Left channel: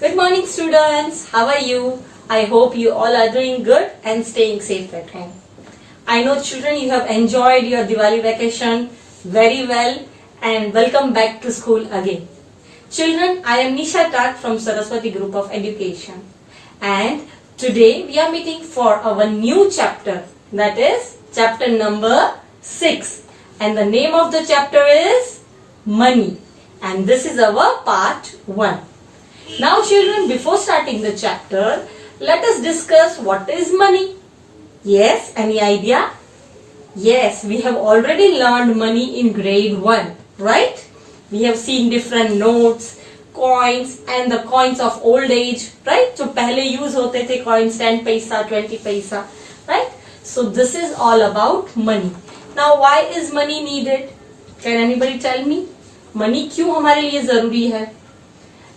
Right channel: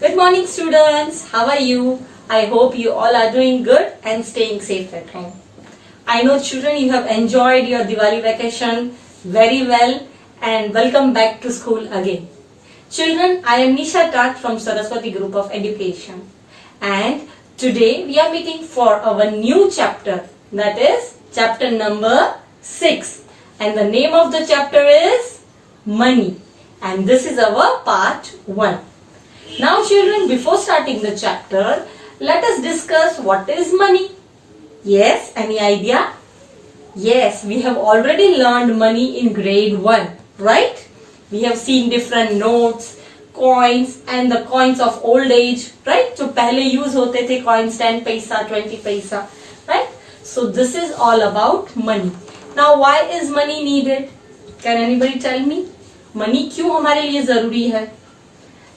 Good morning, students. How are you? I hope you all are doing good and staying safe at home. I know, children, you have enjoyed your Diwali vacation very well and welcome back to school again. Children, I am Nisha Tat from Saraswati Group of Education, and today we are meeting for our new chapter, that is chapter number 6, and the name of the chapter is Money, and this is our part 1. Now children, before starting the chapter, let us discuss what is money. Yes, any idea? Yes, we have already learned money in grade 1, right? We have seen different notes, coins and the coins of old age, right? So पहले use होते थे coins 10 paisa, 20 पैसा, right? So this is all about money. Now why is money needed? Can anybody tell me? Money क्यों हमारे लिए जरूरी है?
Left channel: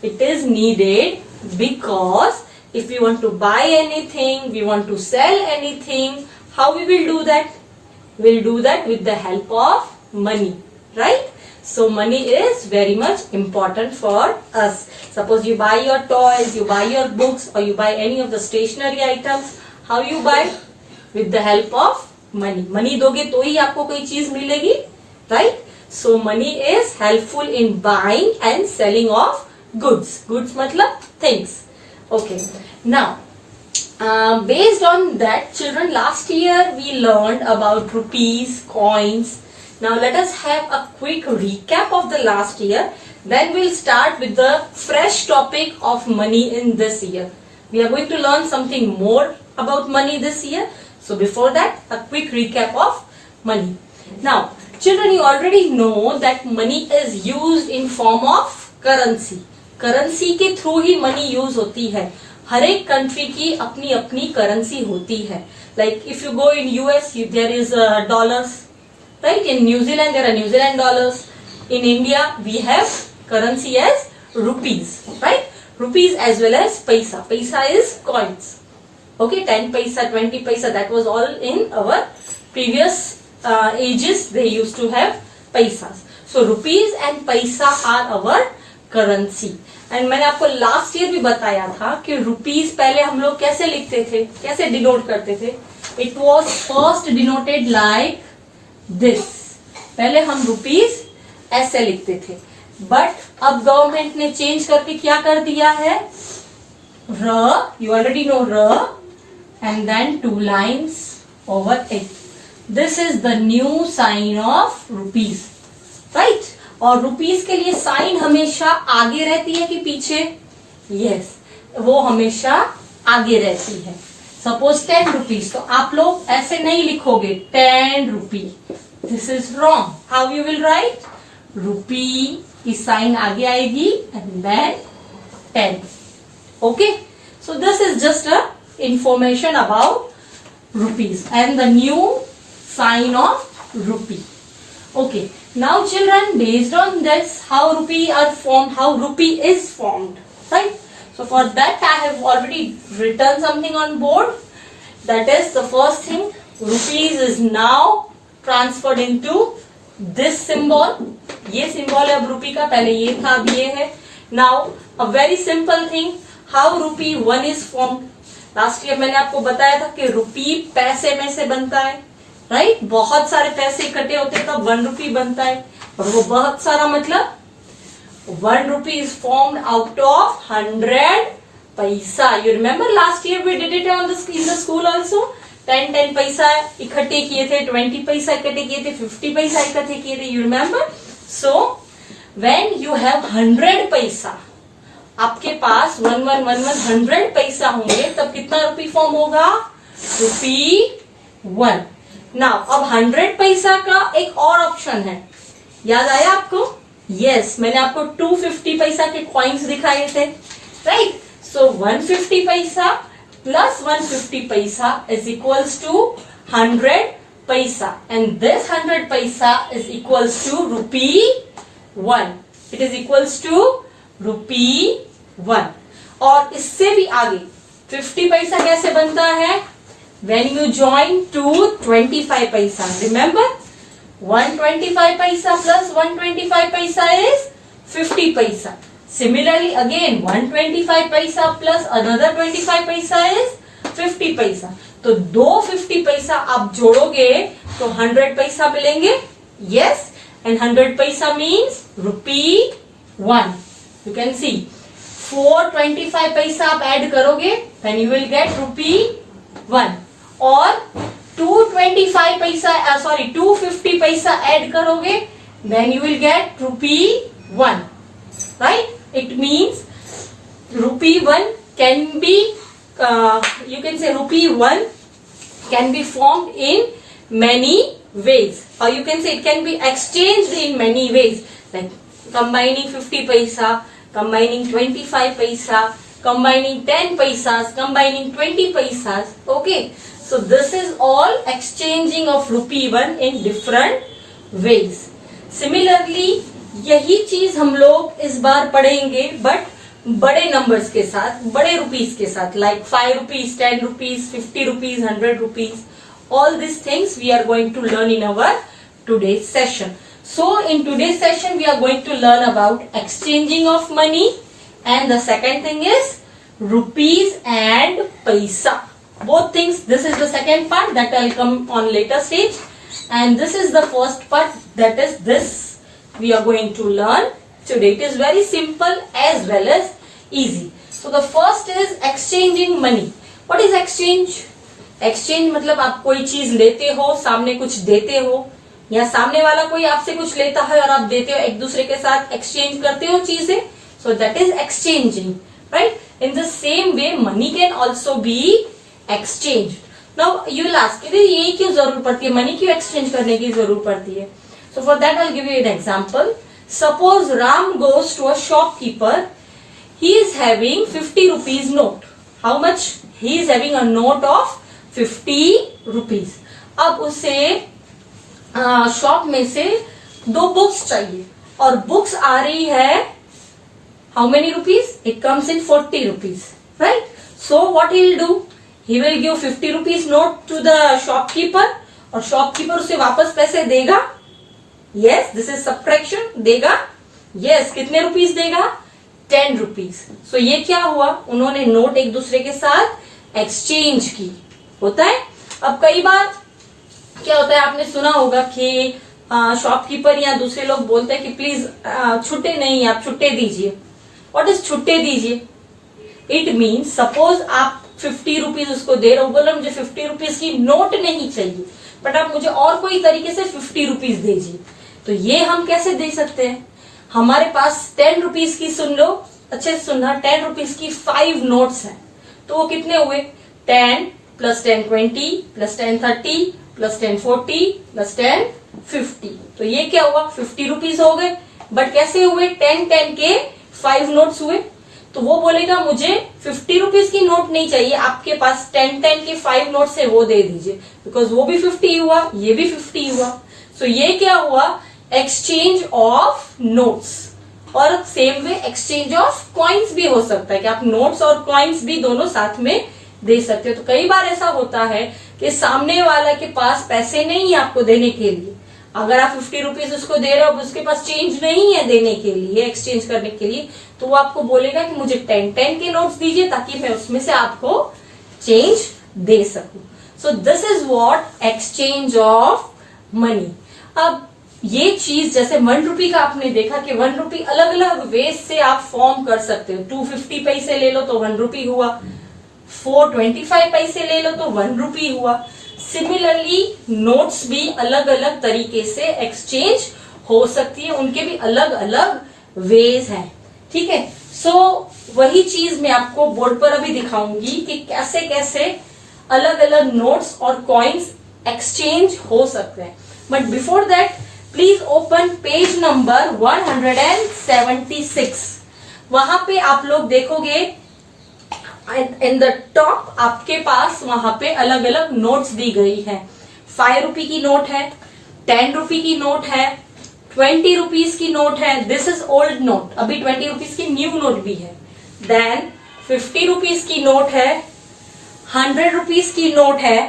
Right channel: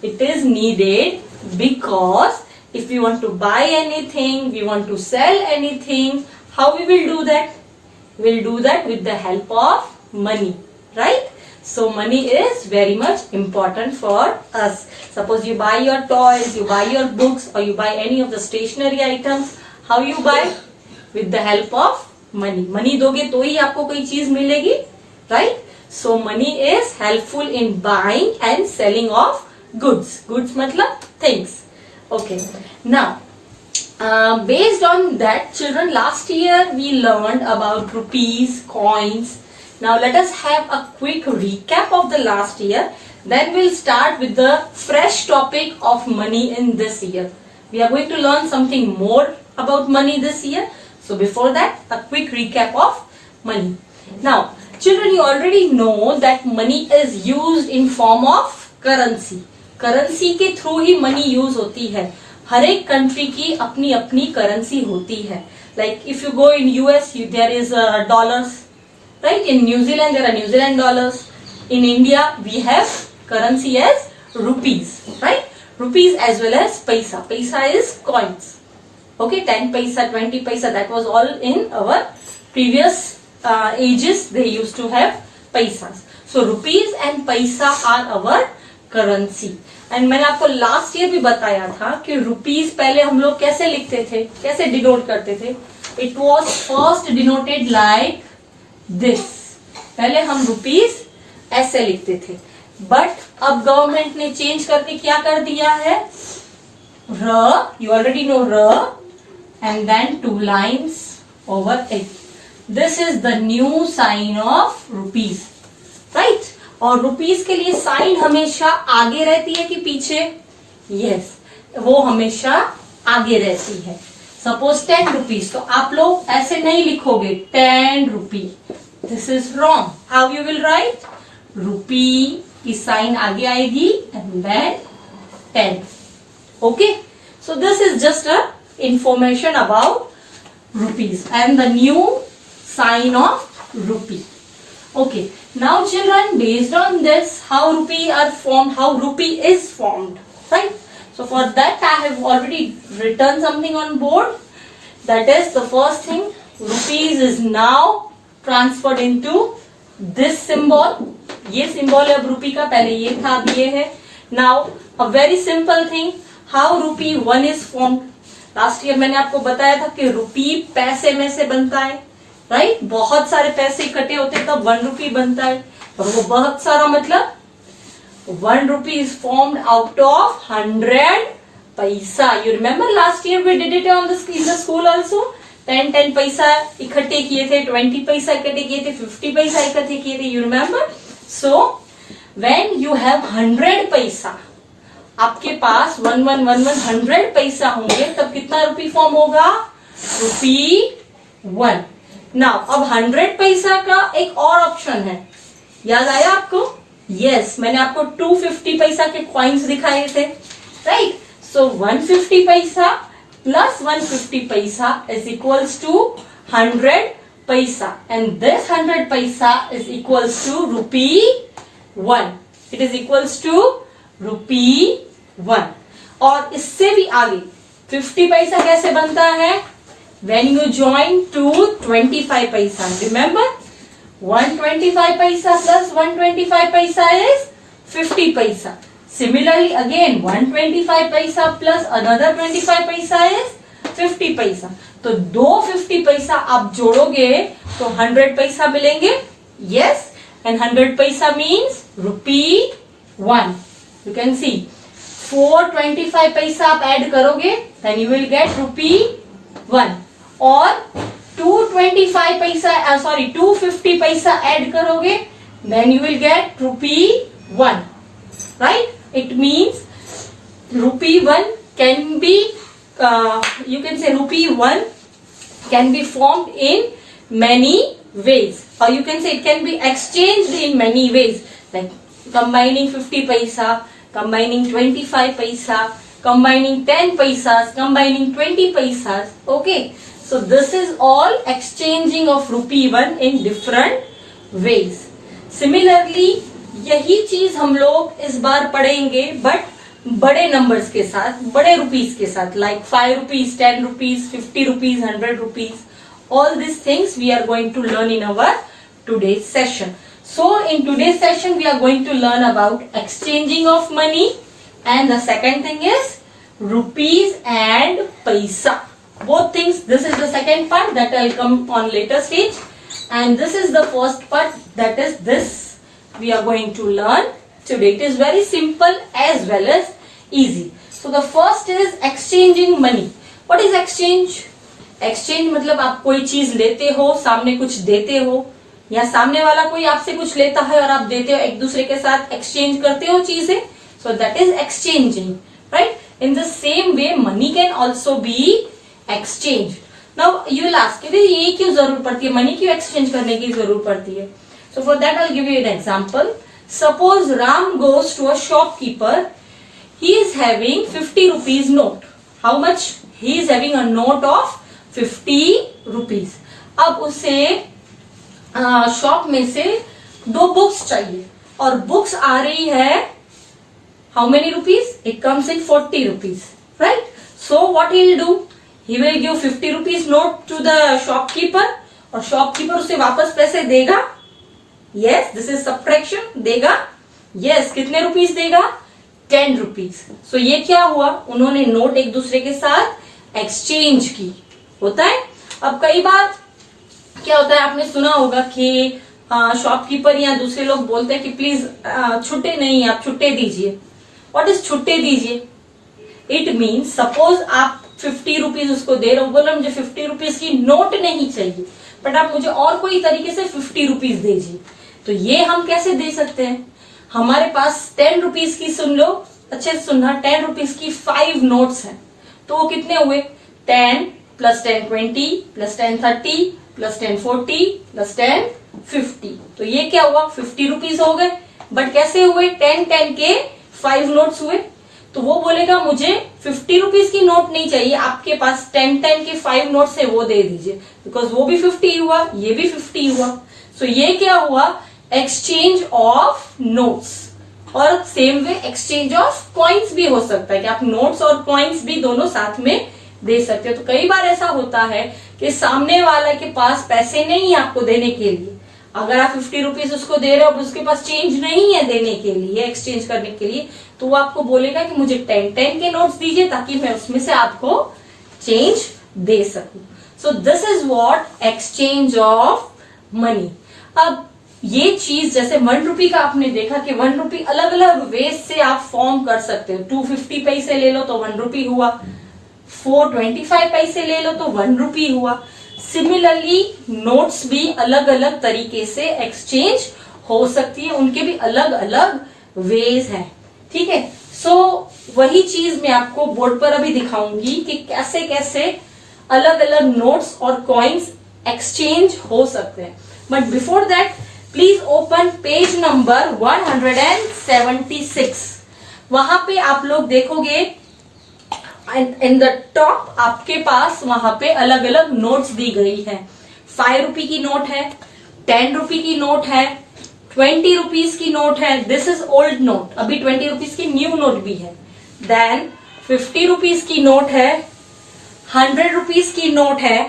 It is needed because if we want to buy anything, we want to sell anything, how we will do that? We'll do that with the help of money, right? So money is very much important for us. Suppose you buy your toys, you buy your books, or you buy any of the stationery items. How you buy? With the help of money. Money दोगे तो ही आपको कोई चीज मिलेगी, right? So money is helpful in buying and selling of goods. Goods matlab things. Okay. Now, based on that, children, last year we learned about rupees, coins. Now let us have a quick recap of the last year. Then we'll start with the fresh topic of money in this year. We are going to learn something more about money this year. So before that, a quick recap of money. Now, children, you already know that money is used in form of currency. Currency के through ही money use होती है. हर एक country की अपनी अपनी currency होती है. Like if you go in US there is dollars, right? In New Zealand there are New Zealand dollars. In India we have currency as rupees, right? Rupees as well as paisa. Paisa is coins. Okay, 10 paisa, 20 paisa, that was all in our previous ages. They used to have paisas. So rupees and paisa are our currency. And मैंने आपको last year भी बताया था कि rupees पहले हम लोग कैसे लिखते थे, कैसे डिनोट करते थे. It was first denoted like this. पहले हम रुपीज ऐसे लिखते थे, बट अब गवर्नमेंट ने चेंज करके क्या कर दिया है? र, यू ऑलरेडी नो, र and then 2 lines over it. This is the new sign of rupees, right? और रुपीज के लिए साइन हमेशा आगे रहती है कि पीछे? यस, वो हमेशा आगे रहती है. सपोज 10 रुपीज, तो आप लोग ऐसे नहीं लिखोगे 10 rupee. This is wrong. How you will write? Rupee की साइन आगे आएगी and then 10. Okay, so this is just a information about rupees and the new sign of rupee. Okay, now children, based on this, how rupee is formed, right? So for that I have already written something on board. That is the first thing. Rupees is now transferred into this symbol. ये symbol है अब rupee का, पहले ये था, अब ये है. Now a very simple thing, how rupee 1 is formed. Last year मैंने आपको बताया था कि rupee पैसे में से बनता है, राइट? बहुत सारे पैसे इकट्ठे होते हैं तब 1 रुपी बनता है. और वो बहुत सारा मतलब 1 rupee is formed out of 100 paisa. You remember last year we did it in the school also. 10 paisa इकट्ठे किए थे, 20 पैसा इकट्ठे किए थे, 50 पैसा इकट्ठे किए थे. You remember? So when you have 100 पैसा, आपके पास 100 पैसा होंगे, तब कितना रुपी फॉर्म होगा? रुपी 1. नाउ अब 100 पैसा का एक और ऑप्शन है. याद आया आपको? यस, मैंने आपको 250 पैसा के कॉइन्स दिखाए थे, राइट? सो 150 पैसा प्लस 150 पैसा इज इक्वल्स टू 100 पैसा, and this 100 paisa is equals to rupee 1. It is equals to rupee 1. और इससे भी आगे 50 पैसा कैसे बनता है? When you join 225 paisa, remember 125 paisa plus 125 paisa is 50 paisa. Similarly, again 125 paisa plus another 25 paisa is 50 paisa. तो दो 50 पैसा आप जोड़ोगे तो 100 पैसा मिलेंगे. Yes, and 100 paisa means rupee 1. You can see 425 paisa आप ऐड करोगे then you will get rupee 1. और 225 पैसा 250 पैसा ऐड करोगे then you will get rupee 1. Right? It means rupee 1 can be you can say rupee 1 can be formed in many ways, or you can say it can be exchanged in many ways, like combining 50 paisa, combining 25 paisa, combining 10 paisas, combining 20 paisas. Okay, so this is all exchanging of rupee 1 in different ways. Similarly, यही चीज हम लोग इस बार पढ़ेंगे but बड़े numbers के साथ, बड़े रुपीस के साथ, like 5 rupees, 10 rupees, 50 rupees, 100 rupees. All these things we are going to learn in our today's session. So in today's session we are going to learn about exchanging of money, and the second thing is rupees and paisa. Both things, this is the second part that I'll come on later stage, and this is the first part, that is this we are going to learn today. It is very simple as well as easy. So the first is exchanging money. What is exchange? Exchange मतलब आप कोई चीज लेते हो, सामने कुछ देते हो, या सामने वाला कोई आपसे कुछ लेता है और आप देते हो, एक दूसरे के साथ एक्सचेंज करते हो चीजें. So that is exchanging, right? In the same way money can also be exchanged. Now you will ask, ये क्यों जरूरत पड़ती है, मनी क्यों एक्सचेंज करने की जरूरत पड़ती है? So for that I'll give you an example. Suppose Ram goes to a shopkeeper. He is having 50 rupees note. How much? He is having a note of 50 rupees. अब उसे शॉप में से 2 बुक्स चाहिए और बुक्स आ रही है how many rupees? It comes in 40 rupees, right? So what he will do? He will give 50 rupees note to the shopkeeper और shopkeeper उसे वापस पैसे देगा. Yes, this is subtraction. देगा. Yes, कितने रुपीस देगा? 10 rupees. So ये क्या हुआ? उन्होंने नोट एक दूसरे के साथ एक्सचेंज की. होता है. अब कई बार क्या होता है, आपने सुना होगा कि शॉपकीपर या दूसरे लोग बोलते हैं कि प्लीज छुट्टे नहीं, आप छुट्टे दीजिए. व्हाट इज छुट्टे दीजिए? इट मीन्स सपोज आप 50 रुपीज उसको दे रहे हो, बोलो मुझे 50 रुपीज की नोट नहीं चाहिए बट आप मुझे और कोई तरीके से 50 रुपीज दीजिए. तो ये हम कैसे दे सकते हैं? हमारे पास 10 रुपीज की, सुन लो अच्छे से सुनना, 10 रुपीज की 5 नोट्स हैं. तो वो कितने हुए? 10 प्लस 10 20 प्लस 10 30 प्लस 10 40 प्लस 10 50. तो ये क्या हुआ? 50 रुपीज हो गए. बट कैसे हुए? 10 के 5 नोट्स हुए. तो वो बोलेगा मुझे 50 रुपीज की नोट नहीं चाहिए, आपके पास 10 के 5 नोट्स है वो दे दीजिए, बिकॉज वो भी 50 हुआ, ये भी 50 हुआ. सो ये क्या हुआ? Exchange of notes. और same way exchange of coins भी हो सकता है कि आप नोट्स और कॉइन्स भी दोनों साथ में दे सकते हो. तो कई बार ऐसा होता है कि सामने वाला के पास पैसे नहीं है आपको देने के लिए. अगर आप 50 रुपीज उसको दे रहे हो, उसके पास चेंज नहीं है देने के लिए, एक्सचेंज करने के लिए, तो वो आपको बोलेगा कि मुझे 10 के नोट्स दीजिए ताकि मैं उसमें से आपको चेंज दे सकूं. सो this is what exchange of money. अब ये चीज जैसे 1 रुपी का आपने देखा कि 1 रुपी अलग अलग वेज से आप फॉर्म कर सकते हो. 250 पैसे ले लो तो 1 रुपी हुआ, 425 पैसे ले लो तो 1 रुपी हुआ. सिमिलरली नोट्स भी अलग अलग तरीके से एक्सचेंज हो सकती है, उनके भी अलग अलग वेज हैं. ठीक है. सो वही चीज मैं आपको बोर्ड पर अभी दिखाऊंगी कि कैसे कैसे अलग अलग नोट्स और कॉइन्स एक्सचेंज हो सकते हैं. But before that please open page number 176. वहां पे आप लोग देखोगे इन द टॉप आपके पास वहां पे अलग अलग नोट्स दी गई है. 5 रुपी की नोट है, 10 रुपी की नोट है, 20 रुपीज की नोट है. This is old note. अभी 20 रुपीज की न्यू नोट भी है. देन 50 रुपीज की नोट है, 100 रुपीज की नोट है,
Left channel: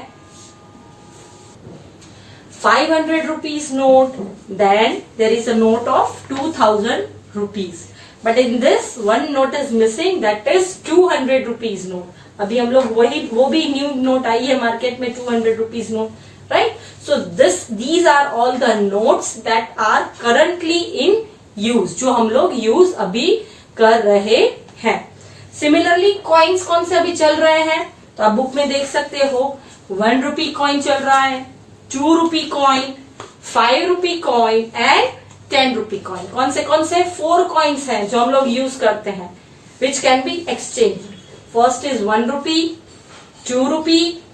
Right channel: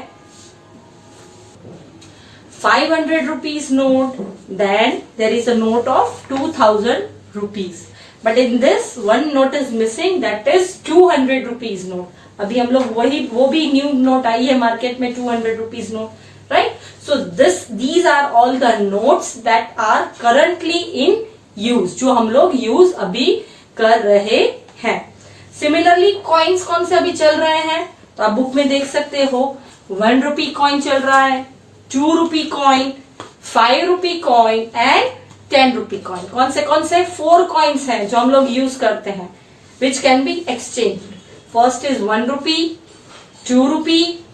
500 rupees note. Then there is a note of 2000 rupees. But in this one note is missing, that is 200 rupees note. अभी हम लोग वो भी न्यू नोट आई है मार्केट में, 200 rupees note, right. So these are all the notes that are currently in use, जो हम लोग यूज अभी कर रहे हैं। सिमिलरली कॉइन्स कौन से अभी चल रहे हैं, तो आप बुक में देख सकते हो। 1 रुपी कॉइन चल रहा है, 2 rupee coin, 5 rupee coin and 10 rupee coin. कौन से 4 कॉइन्स हैं जो हम लोग यूज करते हैं, which can be exchange. First is 1 rupee, 2 rupee,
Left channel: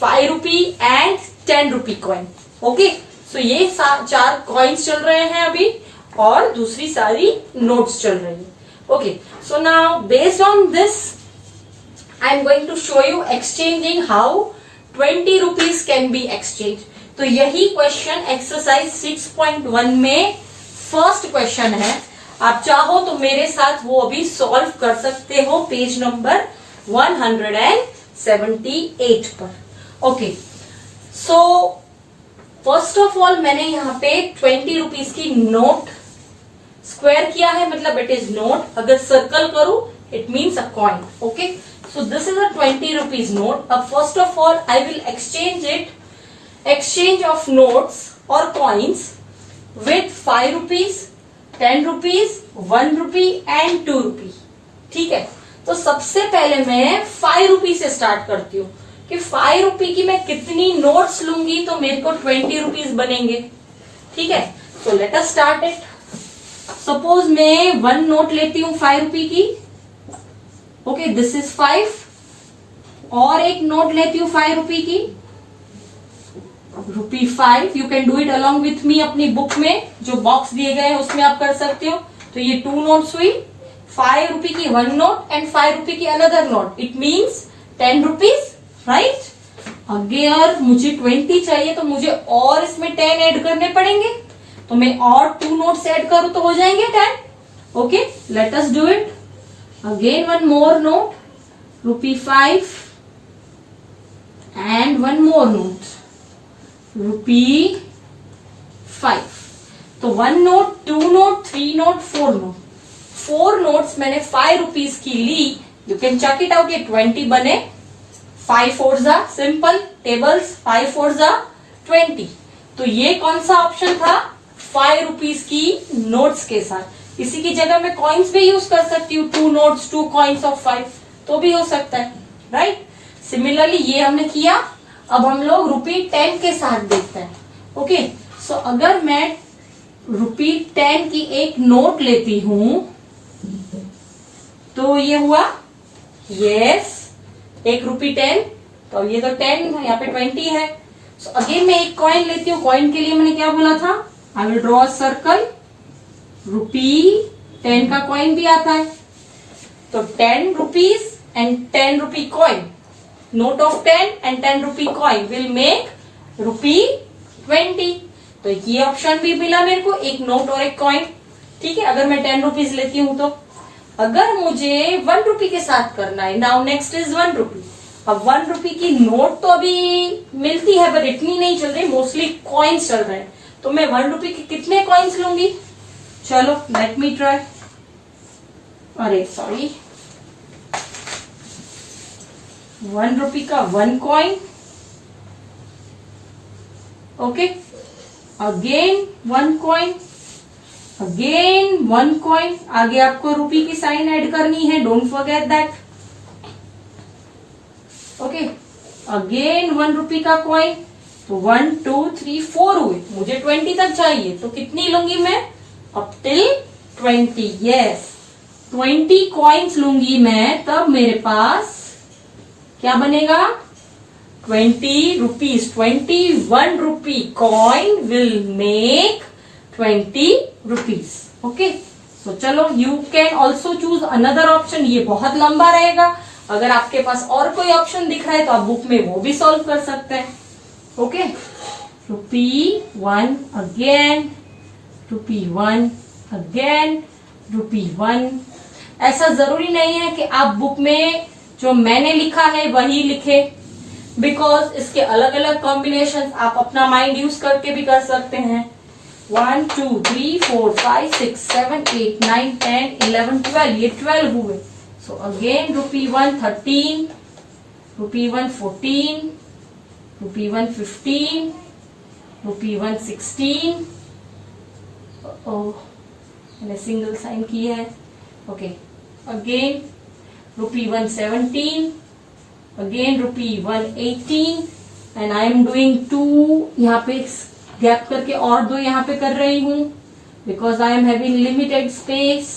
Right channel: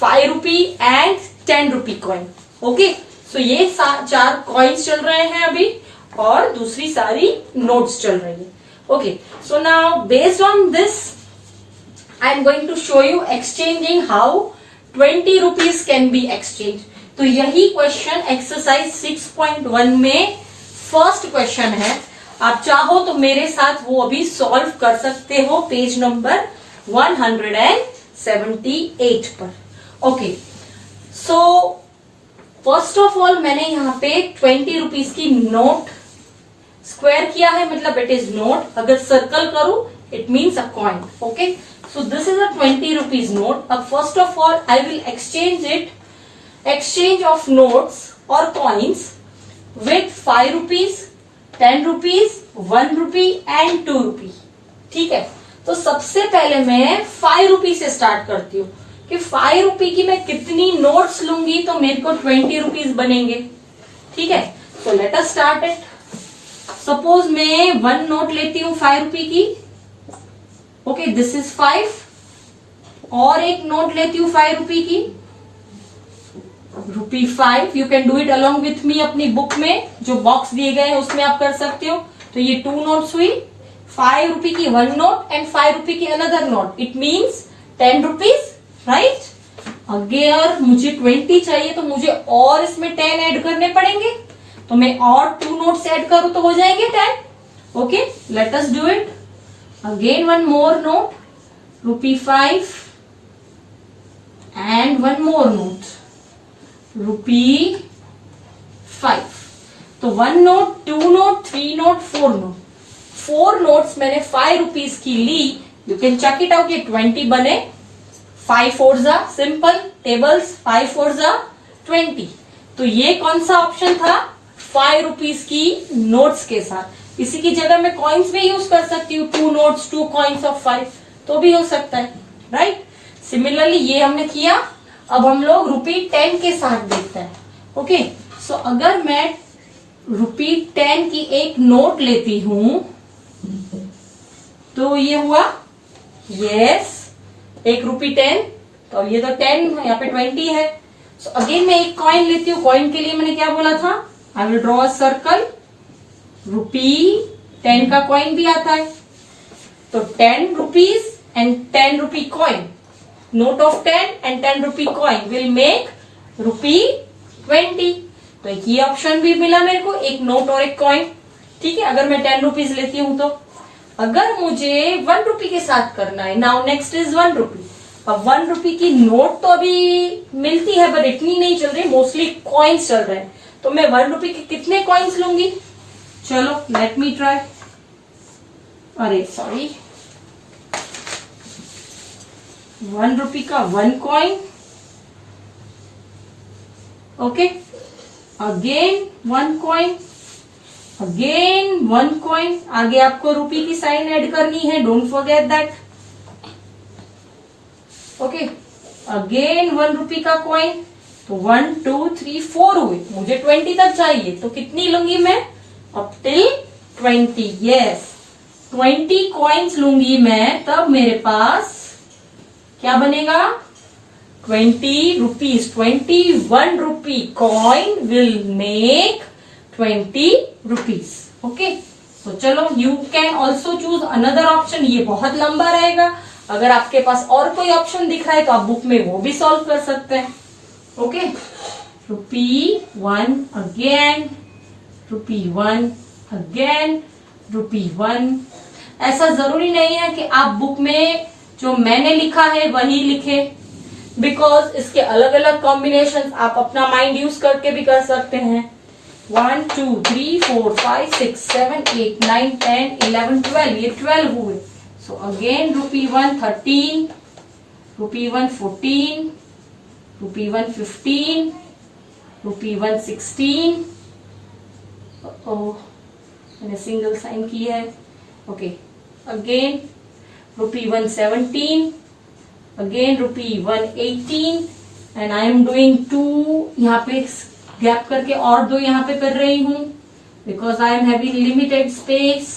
5 rupee and 10 rupee coin. Okay, so ये 4 कॉइन्स चल रहे हैं अभी, और दूसरी सारी नोट्स चल रही है। Okay, so now based on this I am going to show you exchanging how 20 rupees can be exchange. तो यही क्वेश्चन एक्सरसाइज 6.1 में फर्स्ट क्वेश्चन है। आप चाहो तो मेरे साथ वो अभी सॉल्व कर सकते हो पेज नंबर 178 पर। Okay, so first of all मैंने यहाँ पे 20 रुपीज की नोट स्क्वायर किया है, मतलब इट इज नोट। अगर सर्कल करूं it means a coin. Okay, so this is a 20 rupees note. अब first of all I will exchange of notes or coins with 5 rupees, 10 rupees, 1 rupee and 2 rupee। ठीक है, तो सबसे पहले मैं 5 रुपी से स्टार्ट करती हूँ कि 5 रुपी की मैं कितनी नोट्स लूंगी तो मेरे को 20 रुपीज बनेंगे। ठीक है, so let us start it. Suppose मैं 1 नोट लेती हूँ 5 रुपी की। Okay, this is 5। और एक नोट लेती हूँ 5 रुपी की, ₹5। You can do it along with me. अपनी बुक में जो बॉक्स दिए गए हैं उसमें आप कर सकते हो। तो ये 2 नोट्स हुई, 5 रुपी की 1 नोट एंड 5 रुपी की another note, it means 10 rupees, right. अगर मुझे 20 चाहिए तो मुझे और इसमें 10 ऐड करने पड़ेंगे, तो मैं और 2 नोट्स ऐड करूं तो हो जाएंगे 10। Okay, let us do it again. 1 more note, ₹5 and 1 more note, ₹5। तो 1 note, 2 note, 3 note, 4 note, 4 notes मैंने 5 रुपीज की ली। You can check it out, ये 20 बने। 5 4 जा, सिंपल टेबल्स, 5 4 जा 20। तो ये कौन सा ऑप्शन था, 5 रुपीज की नोट्स के साथ। इसी की जगह मैं कॉइन्स भी यूज कर सकती हूँ, 2 नोट्स 2 कॉइन्स ऑफ 5, तो भी हो सकता है, राइट। सिमिलरली ये हमने किया। अब हम लोग ₹10 के साथ देखते हैं। ओके, सो अगर मैं ₹10 की एक नोट लेती हूं तो ये हुआ, यस, ₹10। तो ये तो 10, यहाँ पे 20 है। सो अगेन मैं एक कॉइन लेती हूँ। कॉइन के लिए मैंने क्या बोला था, I will draw a circle. ₹10 का कॉइन भी आता है, तो 10 rupees and 10 rupee coin, note of 10 and 10 rupee coin will make ₹20। तो ये ऑप्शन भी मिला मेरे को, एक नोट और एक कॉइन। ठीक है, अगर मैं 10 रुपीज लेती हूं तो। अगर मुझे 1 रुपी के साथ करना है, नाउ नेक्स्ट इज 1 रुपी। अब 1 रुपी की नोट तो अभी मिलती है बट इतनी नहीं चल रही, मोस्टली कॉइन्स चल रहे हैं। तो मैं 1 रुपी के कितने कॉइन्स लूंगी, चलो लेट मी ट्राई। अरे सॉरी, 1 रुपी का 1 coin. Okay, again 1 coin, again 1 coin. आगे आपको रुपी की साइन ऐड करनी है, don't forget that. Okay, again 1 रुपी का कॉइन। तो 1 2 3 4 हुए, मुझे 20 तक चाहिए, तो कितनी लूंगी मैं, अप टिल 20। यस, 20 कॉइन्स लूंगी मैं, तब मेरे पास क्या बनेगा, 20 rupees. 21 rupee coin will make 20 rupees. Okay, so चलो, you can also choose another option. ये बहुत लंबा रहेगा, अगर आपके पास और कोई ऑप्शन दिख रहा है तो आप बुक में वो भी सॉल्व कर सकते हैं। Okay, ₹1 again, ₹1 again, ₹1। ऐसा जरूरी नहीं है कि आप बुक में जो मैंने लिखा है वही लिखे, बिकॉज इसके अलग अलग कॉम्बिनेशन आप अपना माइंड यूज करके भी कर सकते हैं। 1 2 3 4 5 6 7 8 9 10 11 12, ये 12 हुए. So again rupee 1 13, rupee 1 14, rupee 1 15, rupee 1 16. मैंने सिंगल साइन की है. Okay, again rupee 1 17, again rupee 1 18, and I am doing 2 यहाँ पे गैप करके और 2 यहाँ पे कर रही हूं because I am having limited space.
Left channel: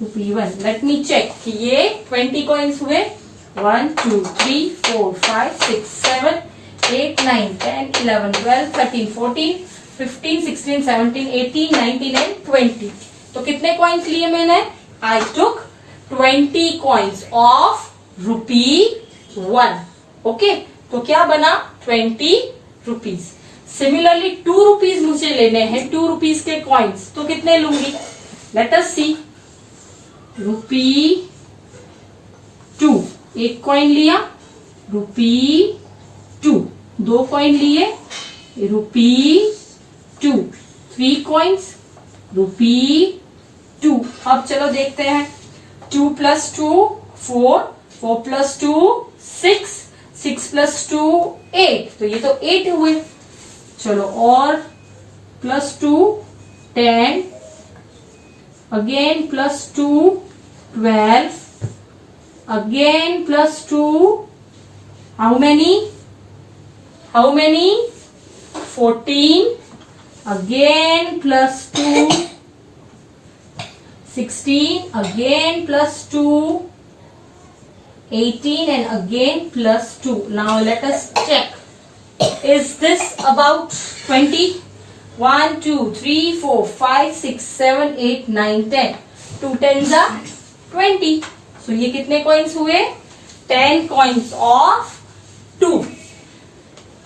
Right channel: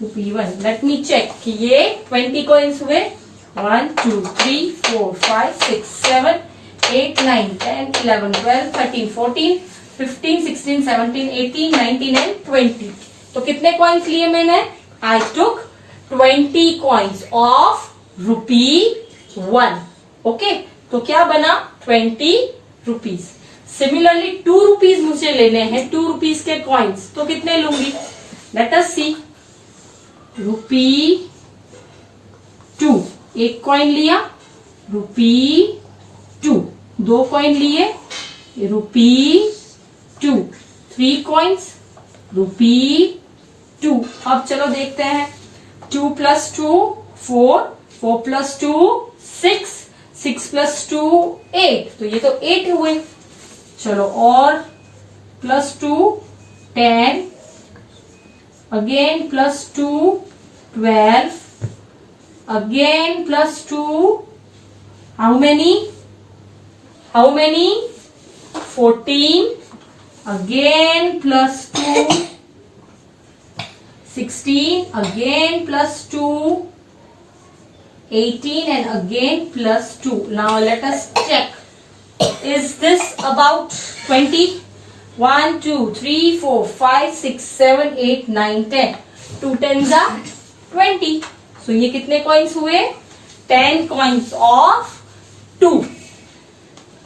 rupee 1, let me check कि ये 20 coins हुए. 1 2 3 4 5 6 7 8 9 10 11 12 13 14 15 16 17 18 19 and 20. तो कितने कॉइन्स लिए मैंने? आई टुक 20 कॉइन्स ऑफ ₹1. ओके, तो क्या बना? 20 रुपीज. सिमिलरली 2 रुपीज मुझे लेने हैं, 2 रुपीज के कॉइन्स. तो कितने लूंगी? लेट अस सी. ₹2, एक कॉइन लिया, ₹2. 2 कॉइन लिए, ₹2. 3 कॉइन्स, ₹2. अब चलो देखते हैं. 2 + 2 4, 4 + 2 6, 6 + 2 8. तो ये तो 8 हुए. चलो और +2 10, again +2 12, again +2 how many 14, again +2 16, again +2 18, and again +2. Now let us check. Is this about 20? 1 2 3 4 5 6 7 8 9 10. 2 10s are 20. So ये कितने coins हुए? 10 coins of 2.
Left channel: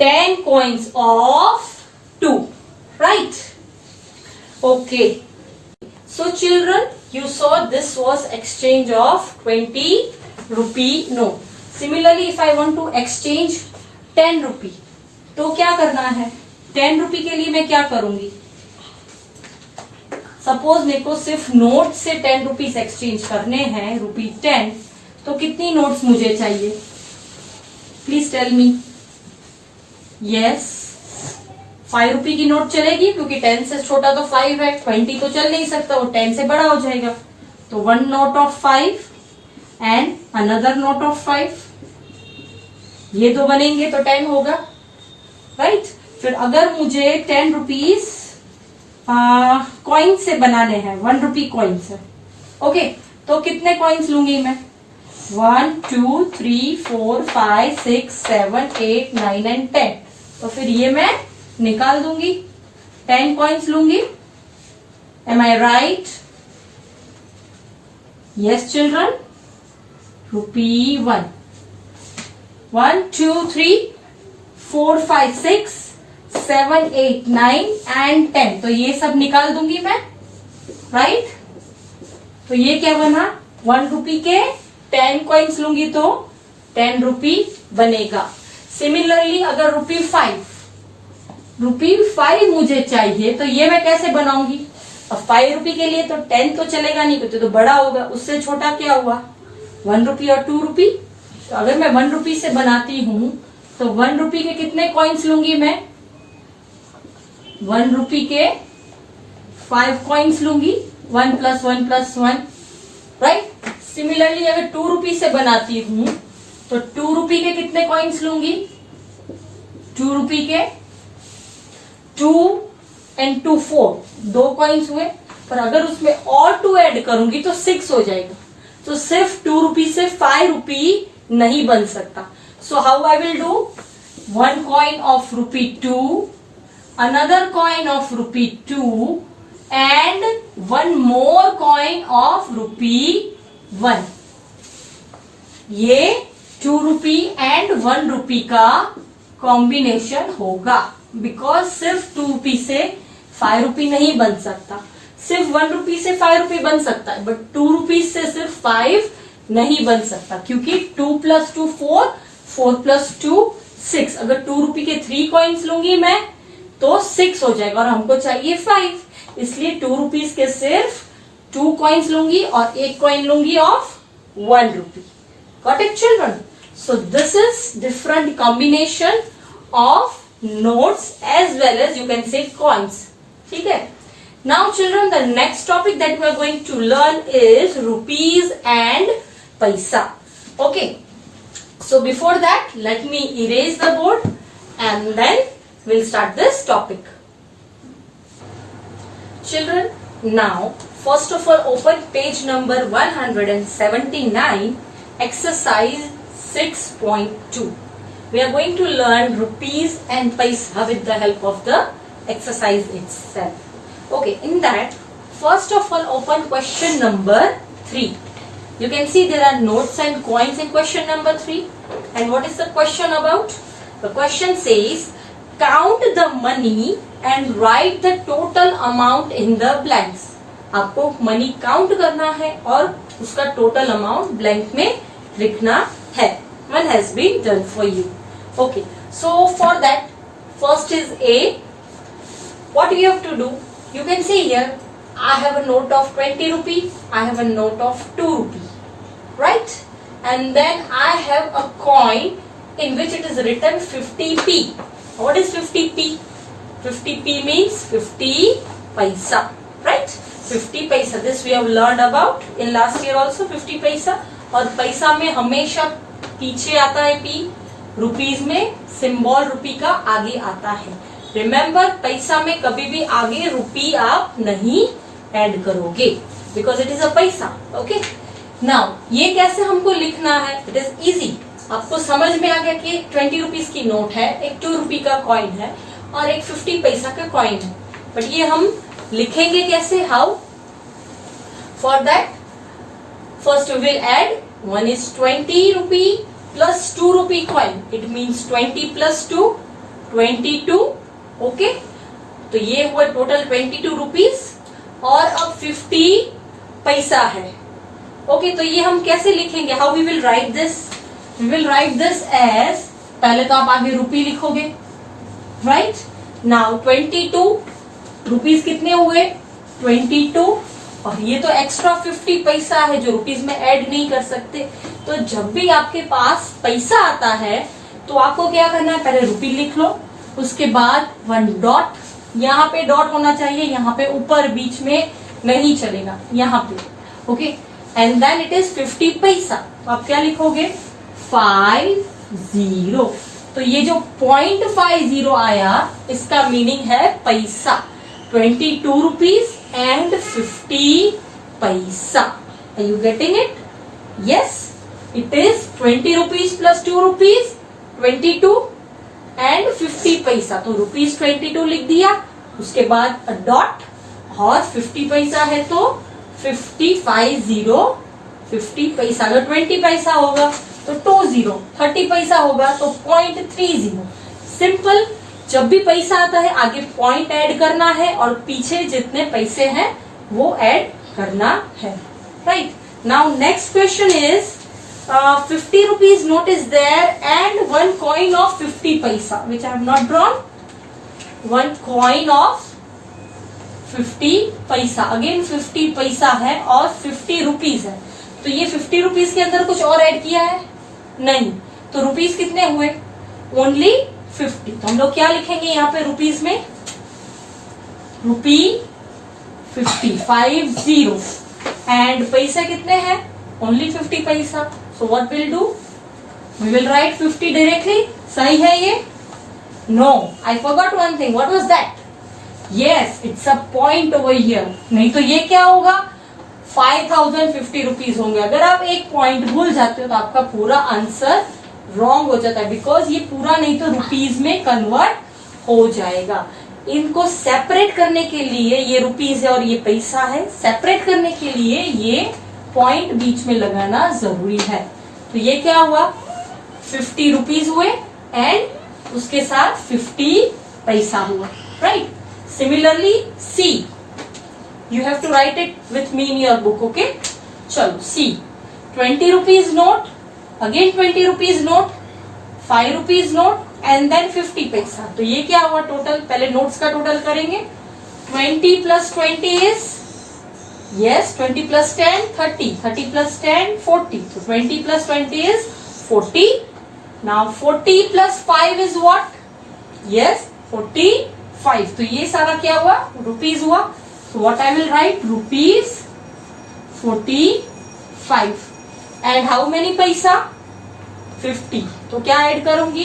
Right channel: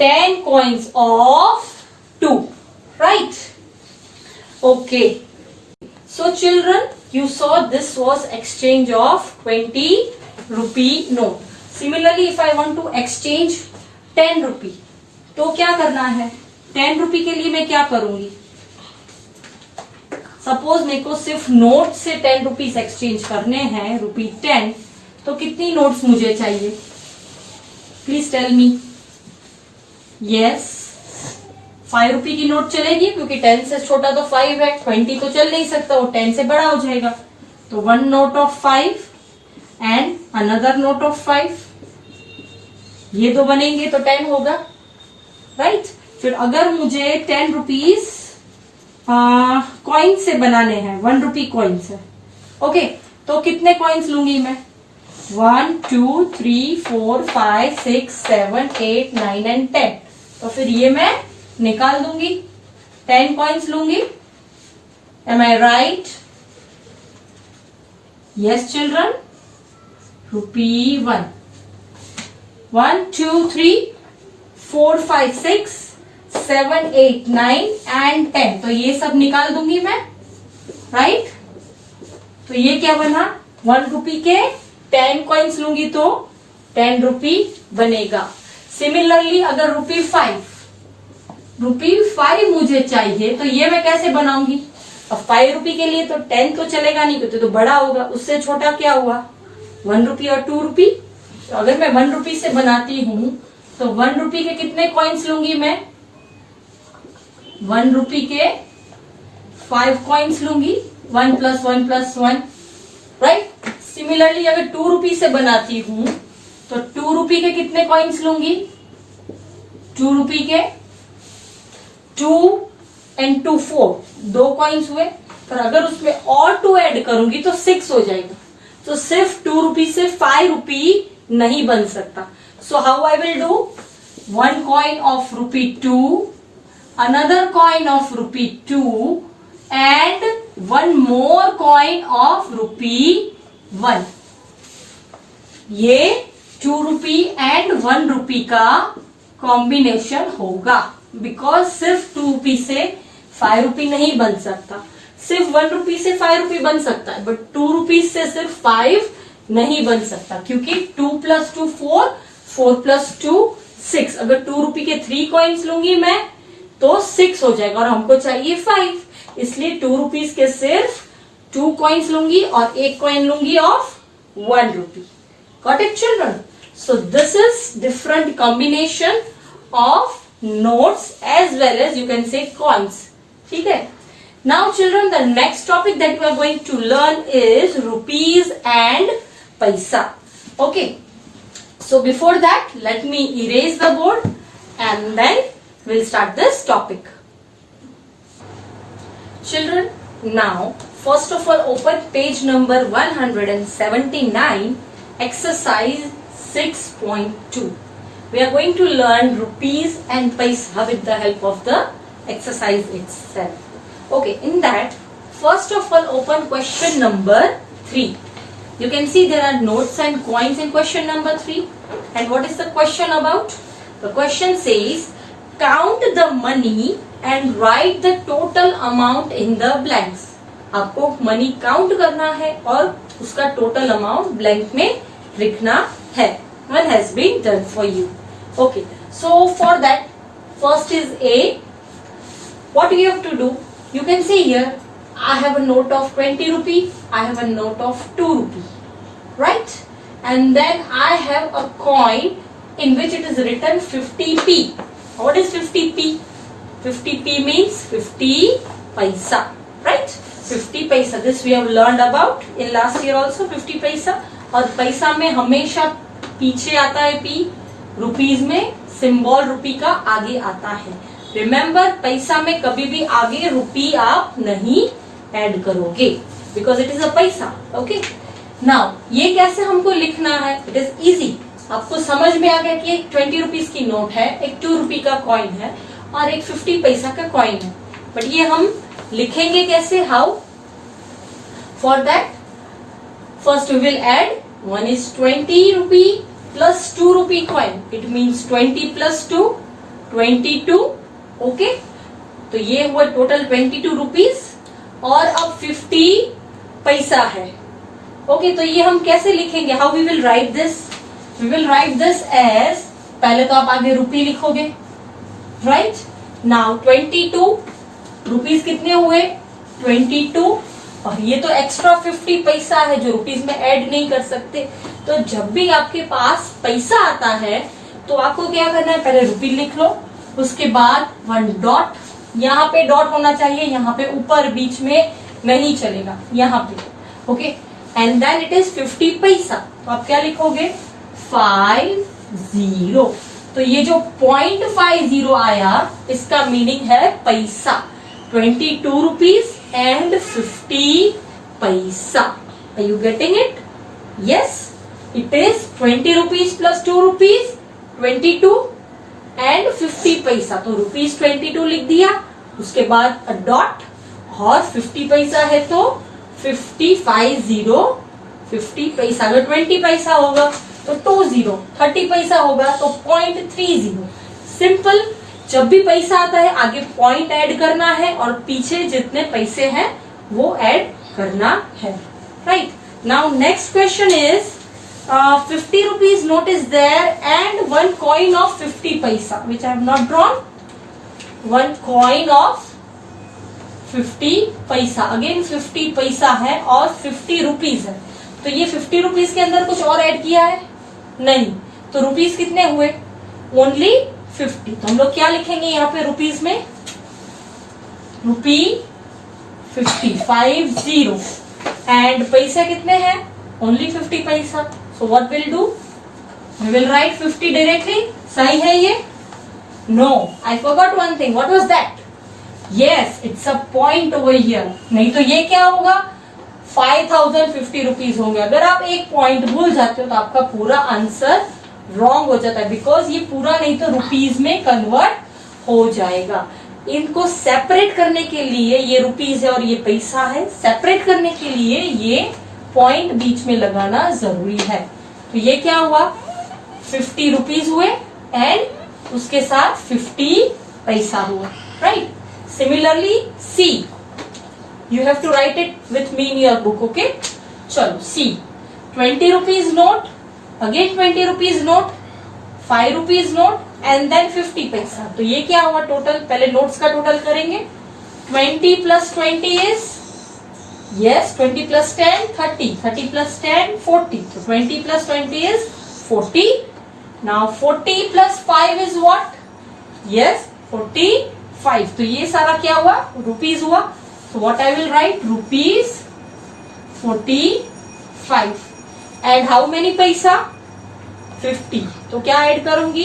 10 coins of 2. Right? Okay. So children, you saw this was exchange of 20 rupee note. Similarly, if I want to exchange 10 rupee, तो क्या करना है? 10 रुपी के लिए मैं क्या करूंगी? सपोज मेरे को सिर्फ नोट से 10 रुपीज एक्सचेंज करने हैं, ₹10, तो कितनी नोट्स मुझे चाहिए? Please tell me. Yes, 5 rupee की नोट चलेगी क्योंकि 10 से छोटा तो 5 है. 20 तो चल नहीं सकता, वो 10 से बड़ा हो जाएगा. तो 1 note of 5 and another note of 5, ये दो बनेंगे तो 10 होगा. राइट? फिर अगर मुझे 10 रुपीज कॉइन से बनाने हैं, 1 रुपी कॉइन से, ओके, तो कितने कॉइन्स लूंगी मैं? 1 2 3 4 5 6 7 8 9 एंड 10. तो फिर ये मैं निकाल दूंगी. 10 कॉइन्स लूंगी. M I right? Yes children. ₹1. 1 2 3 4 5 6 7 8 9 and 10. तो ये सब निकाल दूंगी मैं. राइट? तो ये क्या बना? 1 रुपी के 10 कॉइन्स लूंगी तो 10 रुपी बनेगा. सिमिलरली अगर ₹5 मुझे चाहिए तो ये मैं कैसे बनाऊंगी? अब 5 रुपी के लिए तो 10 तो चलेगा नहीं क्योंकि तो बड़ा होगा. उससे छोटा क्या हुआ? 1 रुपी और 2 रुपी. तो अगर मैं 1 रुपी से बनाती हूं तो 1 रुपी के कितने कॉइन्स लूंगी मैं? 1 रुपी के 5 कॉइन्स लूंगी. 1 + 1 + 1. राइट? सिमिलरली अगर 2 रुपी से बनाती हूं तो 2 रुपी के कितने कॉइन्स लूंगी? 2 रुपी के 2 and 2 4, 2 कॉइन्स हुए. पर अगर उसमें और 2 ऐड करूंगी तो 6 हो जाएगा. तो सिर्फ 2 रुपी से 5 रुपी नहीं बन सकता. So how I will do? 1 coin of ₹2, another coin of ₹2, and 1 more coin of ₹1. ये 2 रुपी एंड 1 रुपी का कॉम्बिनेशन होगा. बिकॉज सिर्फ 2 रुपी से 5 रुपी नहीं बन सकता. सिर्फ 1 रुपी से 5 रुपी बन सकता है, बट 2 रुपी से सिर्फ 5 नहीं बन सकता क्योंकि 2 + 2 4, 4 + 2 6। अगर 2 रुपी के 3 कॉइन्स लूंगी मैं तो 6 हो जाएगा और हमको चाहिए 5, इसलिए 2 रुपीज के सिर्फ 2 कॉइन्स लूंगी और 1 कॉइन लूंगी of 1 rupee. Got it children? So this is different combination of notes as well as you can say coins. ठीक है? Now children, the next topic that we are going to learn is rupees and paisa. Okay. So before that, let me erase the board and then we'll start this topic. Children, now first of all open page number 179, exercise 6.2. We are going to learn rupees and paisa with the help of the exercise itself. Okay, in that, first of all open question number 3. You can see there are notes and coins in question number 3. And what is the question about? The question says, count the money and write the total amount in the blanks. आपको money count करना है और उसका total amount blank में लिखना है. One has been done for you. Okay, so for that, first is A. What you have to do? You can see here, I have a note of 20 rupee, I have a note of 2 rupee, right? And then I have a coin in which it is written 50p. What is 50p? 50p means 50 paisa, right? 50 paisa. This we have learned about in last year also, 50 paisa. और पैसा में हमेशा पीछे आता है p, rupees में symbol रुपी का आगे आता है. रिमेम्बर, पैसा में कभी भी आगे रुपी आप नहीं ऐड करोगे बिकॉज इट इज अ पैसा. ओके, नाउ ये कैसे हमको लिखना है? It is easy. आपको समझ में आ गया कि एक 20 रुपीज की नोट है, एक 2 रुपी का कॉइन है और एक 50 पैसा का कॉइन है. बट ये हम लिखेंगे कैसे? How? For that first we will add 1 is 20 rupee plus 2 rupee coin. It means 20 plus 2, 22. Okay, तो ये हुआ टोटल 22 रुपीज और अब 50 पैसा है. ओके, तो ये हम कैसे लिखेंगे? How we will write this? We will write this as, पहले तो आप आगे रुपी लिखोगे, राइट? नाउ 22 रुपीज कितने हुए? 22. और ये तो एक्स्ट्रा 50 पैसा है जो रुपीज में ऐड नहीं कर सकते. तो जब भी आपके पास पैसा आता है तो आपको क्या करना है? पहले रुपी लिख लो, उसके बाद 1 डॉट, यहाँ पे डॉट होना चाहिए, यहाँ पे ऊपर बीच में नहीं चलेगा, यहाँ पे. Okay, and then it is 50 paisa. तो आप क्या लिखोगे? 50. तो ये जो 0.50 आया इसका मीनिंग है पैसा. 22 rupees and 50 paisa. Are you getting it? Yes, it is 20 rupees plus 2 rupees, 22 and 50 paisa. तो रुपीज 22 लिख दिया, उसके बाद डॉट और 50 पैसा है तो 50 पैसा. अगर 20 पैसा होगा तो 20, 30 पैसा होगा तो 0.30. सिंपल. जब भी पैसा आता है आगे पॉइंट ऐड करना है और पीछे जितने पैसे हैं वो ऐड करना है. Right? Now next question is 50 rupees note is there and 1 coin of 50 paisa which I have not drawn. 1 coin of 50 paisa. Again 50 पैसा है और 50 रुपीज है. तो ये 50 रुपीज के अंदर कुछ और ऐड किया है? नहीं. तो रुपीज कितने हुए? ओनली 50. तो हम लोग क्या लिखेंगे यहाँ पे रुपीज में? रुपी 50 एंड पैसे कितने हैं? Only 50 paisa. So what will do? We will write 50 directly. सही है ये? No, I forgot one thing. What was that? Yes, it's a point over here. नहीं तो ये क्या होगा? 5050 रुपीज होंगे. अगर आप एक पॉइंट भूल जाते हो तो आपका पूरा आंसर रॉन्ग हो जाता है बिकॉज ये पूरा नहीं तो रुपीज में कन्वर्ट हो जाएगा. इनको सेपरेट करने के लिए, ये रुपीज है और ये पैसा है, सेपरेट करने के लिए ये पॉइंट बीच में लगाना जरूरी है. तो ये क्या हुआ? 50 रुपीज हुए एंड उसके साथ 50 पैसा हुआ. Right? Similarly see, you have to write it with me in your book. Okay, चलो see. 20 rupees note, again 20 rupees note, 5 rupees note and then 50 paisa. तो ये क्या हुआ टोटल, पहले नोट्स का टोटल करेंगे। 20 plus 20 is, yes 20 plus 10 30, 30 plus 10 40, तो 20 plus 20 is 40। Now 40 plus 5 is what, yes 45। तो ये सारा क्या हुआ, रुपीज हुआ। तो what I will write, rupees 45। And how many पैसा, 50। तो क्या ऐड करूंगी,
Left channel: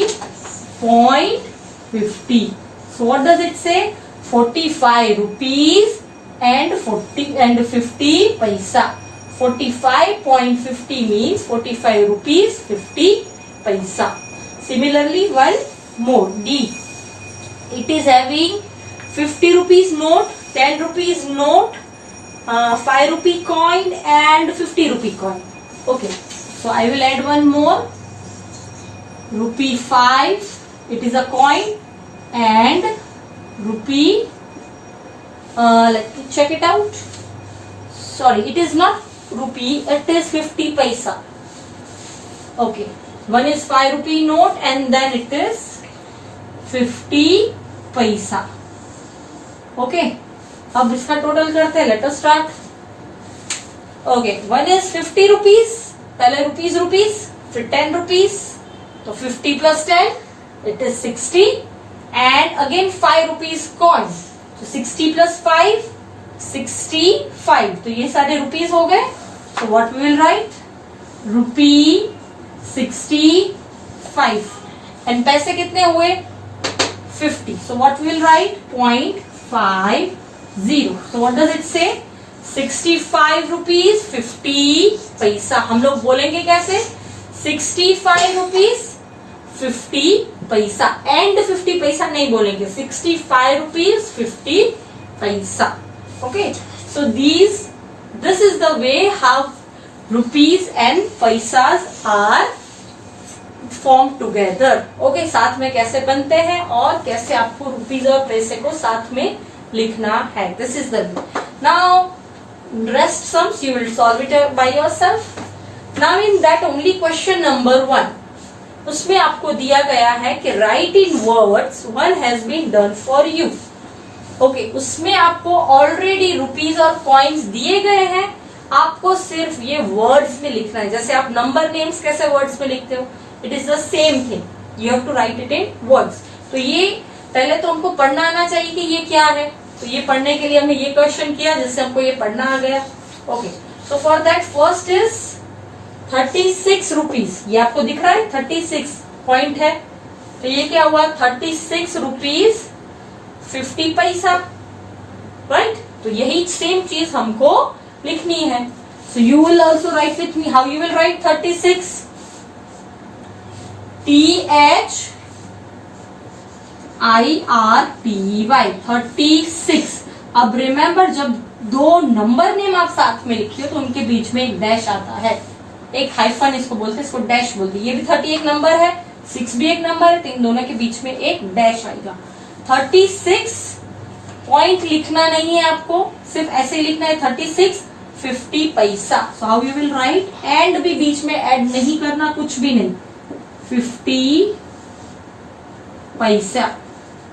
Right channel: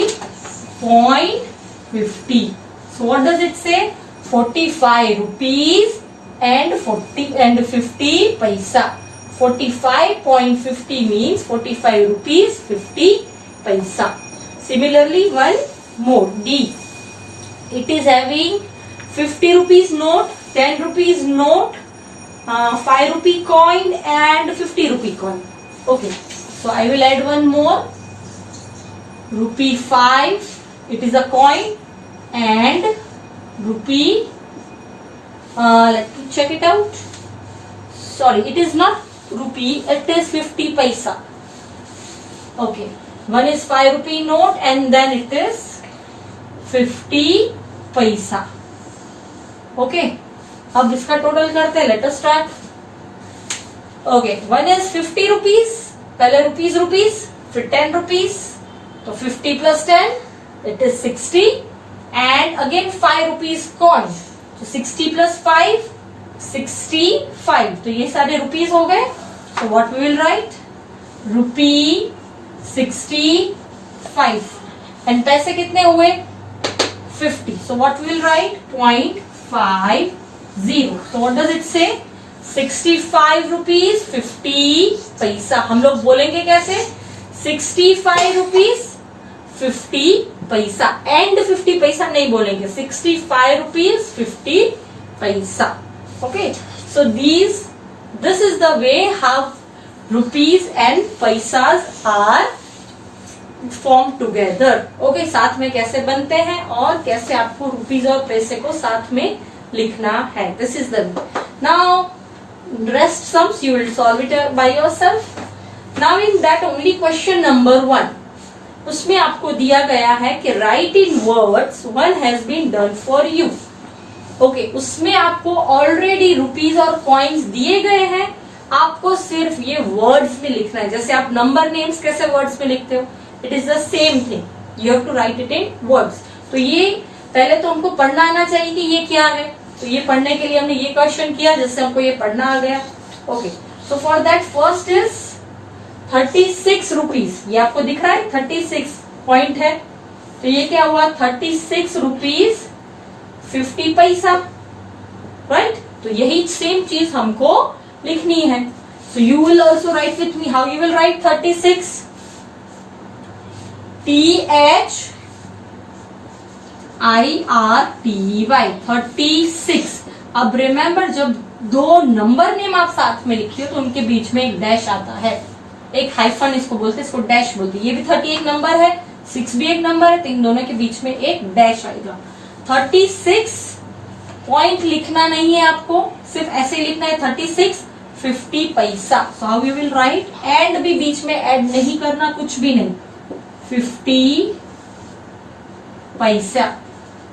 0.50। सो व्हाट डज इट से, 45 रुपीज एंड 50 पैसा। 45.50 मीन्स 45 रुपीज 50 पैसा। Similarly, one more, D. It is having 50 rupees note, 10 rupees note, 5 rupee coin and 50 rupee coin. Okay, so I will add one more, rupee 5, it is a coin, and rupee, let me check it out. Sorry, it is not rupee, it is 50 paisa. Okay, one is 5 rupee note and then it is 50 पैसा। Okay, अब इसका total करते हैं, let us start. Okay, one is 50 rupees, पहले rupees rupees, फिर 10 rupees, तो 50 plus 10 it is 60 and again 5 rupees coin, तो 60 plus 5 65। तो ये सारे रुपीज हो गए। तो what we will write, rupee 65 and पैसे कितने हुए, 50. So what we will write, 0.50. So what does it say, 65 rupees 50 पैसा। हम लोग बोलेंगे कैसे, 65 rupees 50 पैसा एंड 50 पैसा नहीं बोलेंगे, 65 rupees 50 पैसा। Okay, so this is the way how rupees and paisas are form together. Okay, साथ में कैसे बनते हैं और कैसे आपको रुपीज और पैसे को साथ में लिखना है, this is the way. Now rest sums you will solve it by yourself. Now in that only question number 1, उसमें आपको दिया गया है कि write in words one has been done for you. Okay, उसमें आपको ऑलरेडी रुपीज और coins दिए गए हैं, आपको सिर्फ ये वर्ड्स में लिखना है। जैसे आप नंबर नेम्स कैसे वर्ड्स में लिखते हो, it is the same thing, you have to write it in words. तो ये पहले तो हमको पढ़ना आना चाहिए कि ये क्या है, तो ये पढ़ने के लिए हमने ये क्वेश्चन किया जिससे हमको ये पढ़ना आ गया। Okay, so for that first is 36 rupees, ये आपको दिख रहा है 36 पॉइंट है, तो ये क्या हुआ 36 रुपीज 50 पैसा, राइट। तो यही सेम चीज हमको लिखनी है। So you will also right with me, how you will write 36, THIRTY 36। अब रिमेम्बर, जब दो नंबर नेम आप साथ में लिखते हो तो उनके बीच में एक डैश आता है, एक हाइफन इसको बोलते हैं, इसको डैश बोलते हैं। ये भी 38 नंबर है, 6 भी एक नंबर है, तो इन दोनों के बीच में एक डैश आएगा। 36 पॉइंट लिखना नहीं है आपको, सिर्फ ऐसे लिखना है 36 50 paisa. So how you will right, and भी बीच में ऐड नहीं करना, कुछ भी नहीं, 50 पैसा,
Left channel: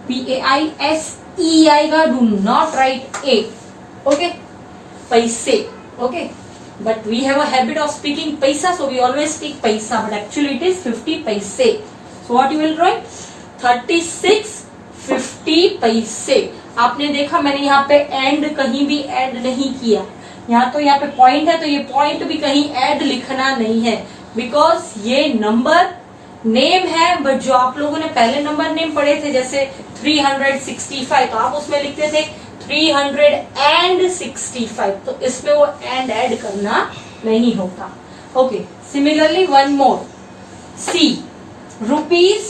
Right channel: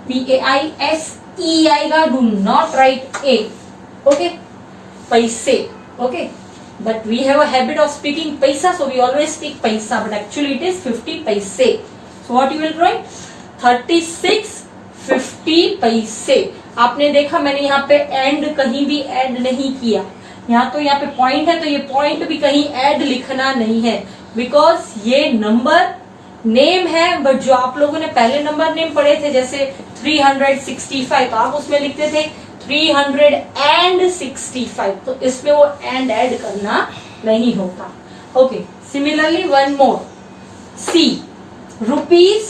PAISE आएगा, do not write A, okay, पैसे। Okay, but we have a habit of speaking paisa, so we always speak paisa, but actually it is 50 paise. So what you will write, 36 50 पैसे। आपने देखा मैंने यहाँ पे एंड कहीं भी ऐड नहीं किया, यहाँ पे पॉइंट है, तो ये पॉइंट भी कहीं ऐड लिखना नहीं है, बिकॉज ये नंबर नेम है। बट जो आप लोगों ने पहले नंबर नेम पढ़े थे, जैसे 365, तो आप उसमें लिखते थे 365, तो इसमें वो एंड ऐड करना नहीं होता। ओके, सिमिलरली वन मोर, सी, रुपीज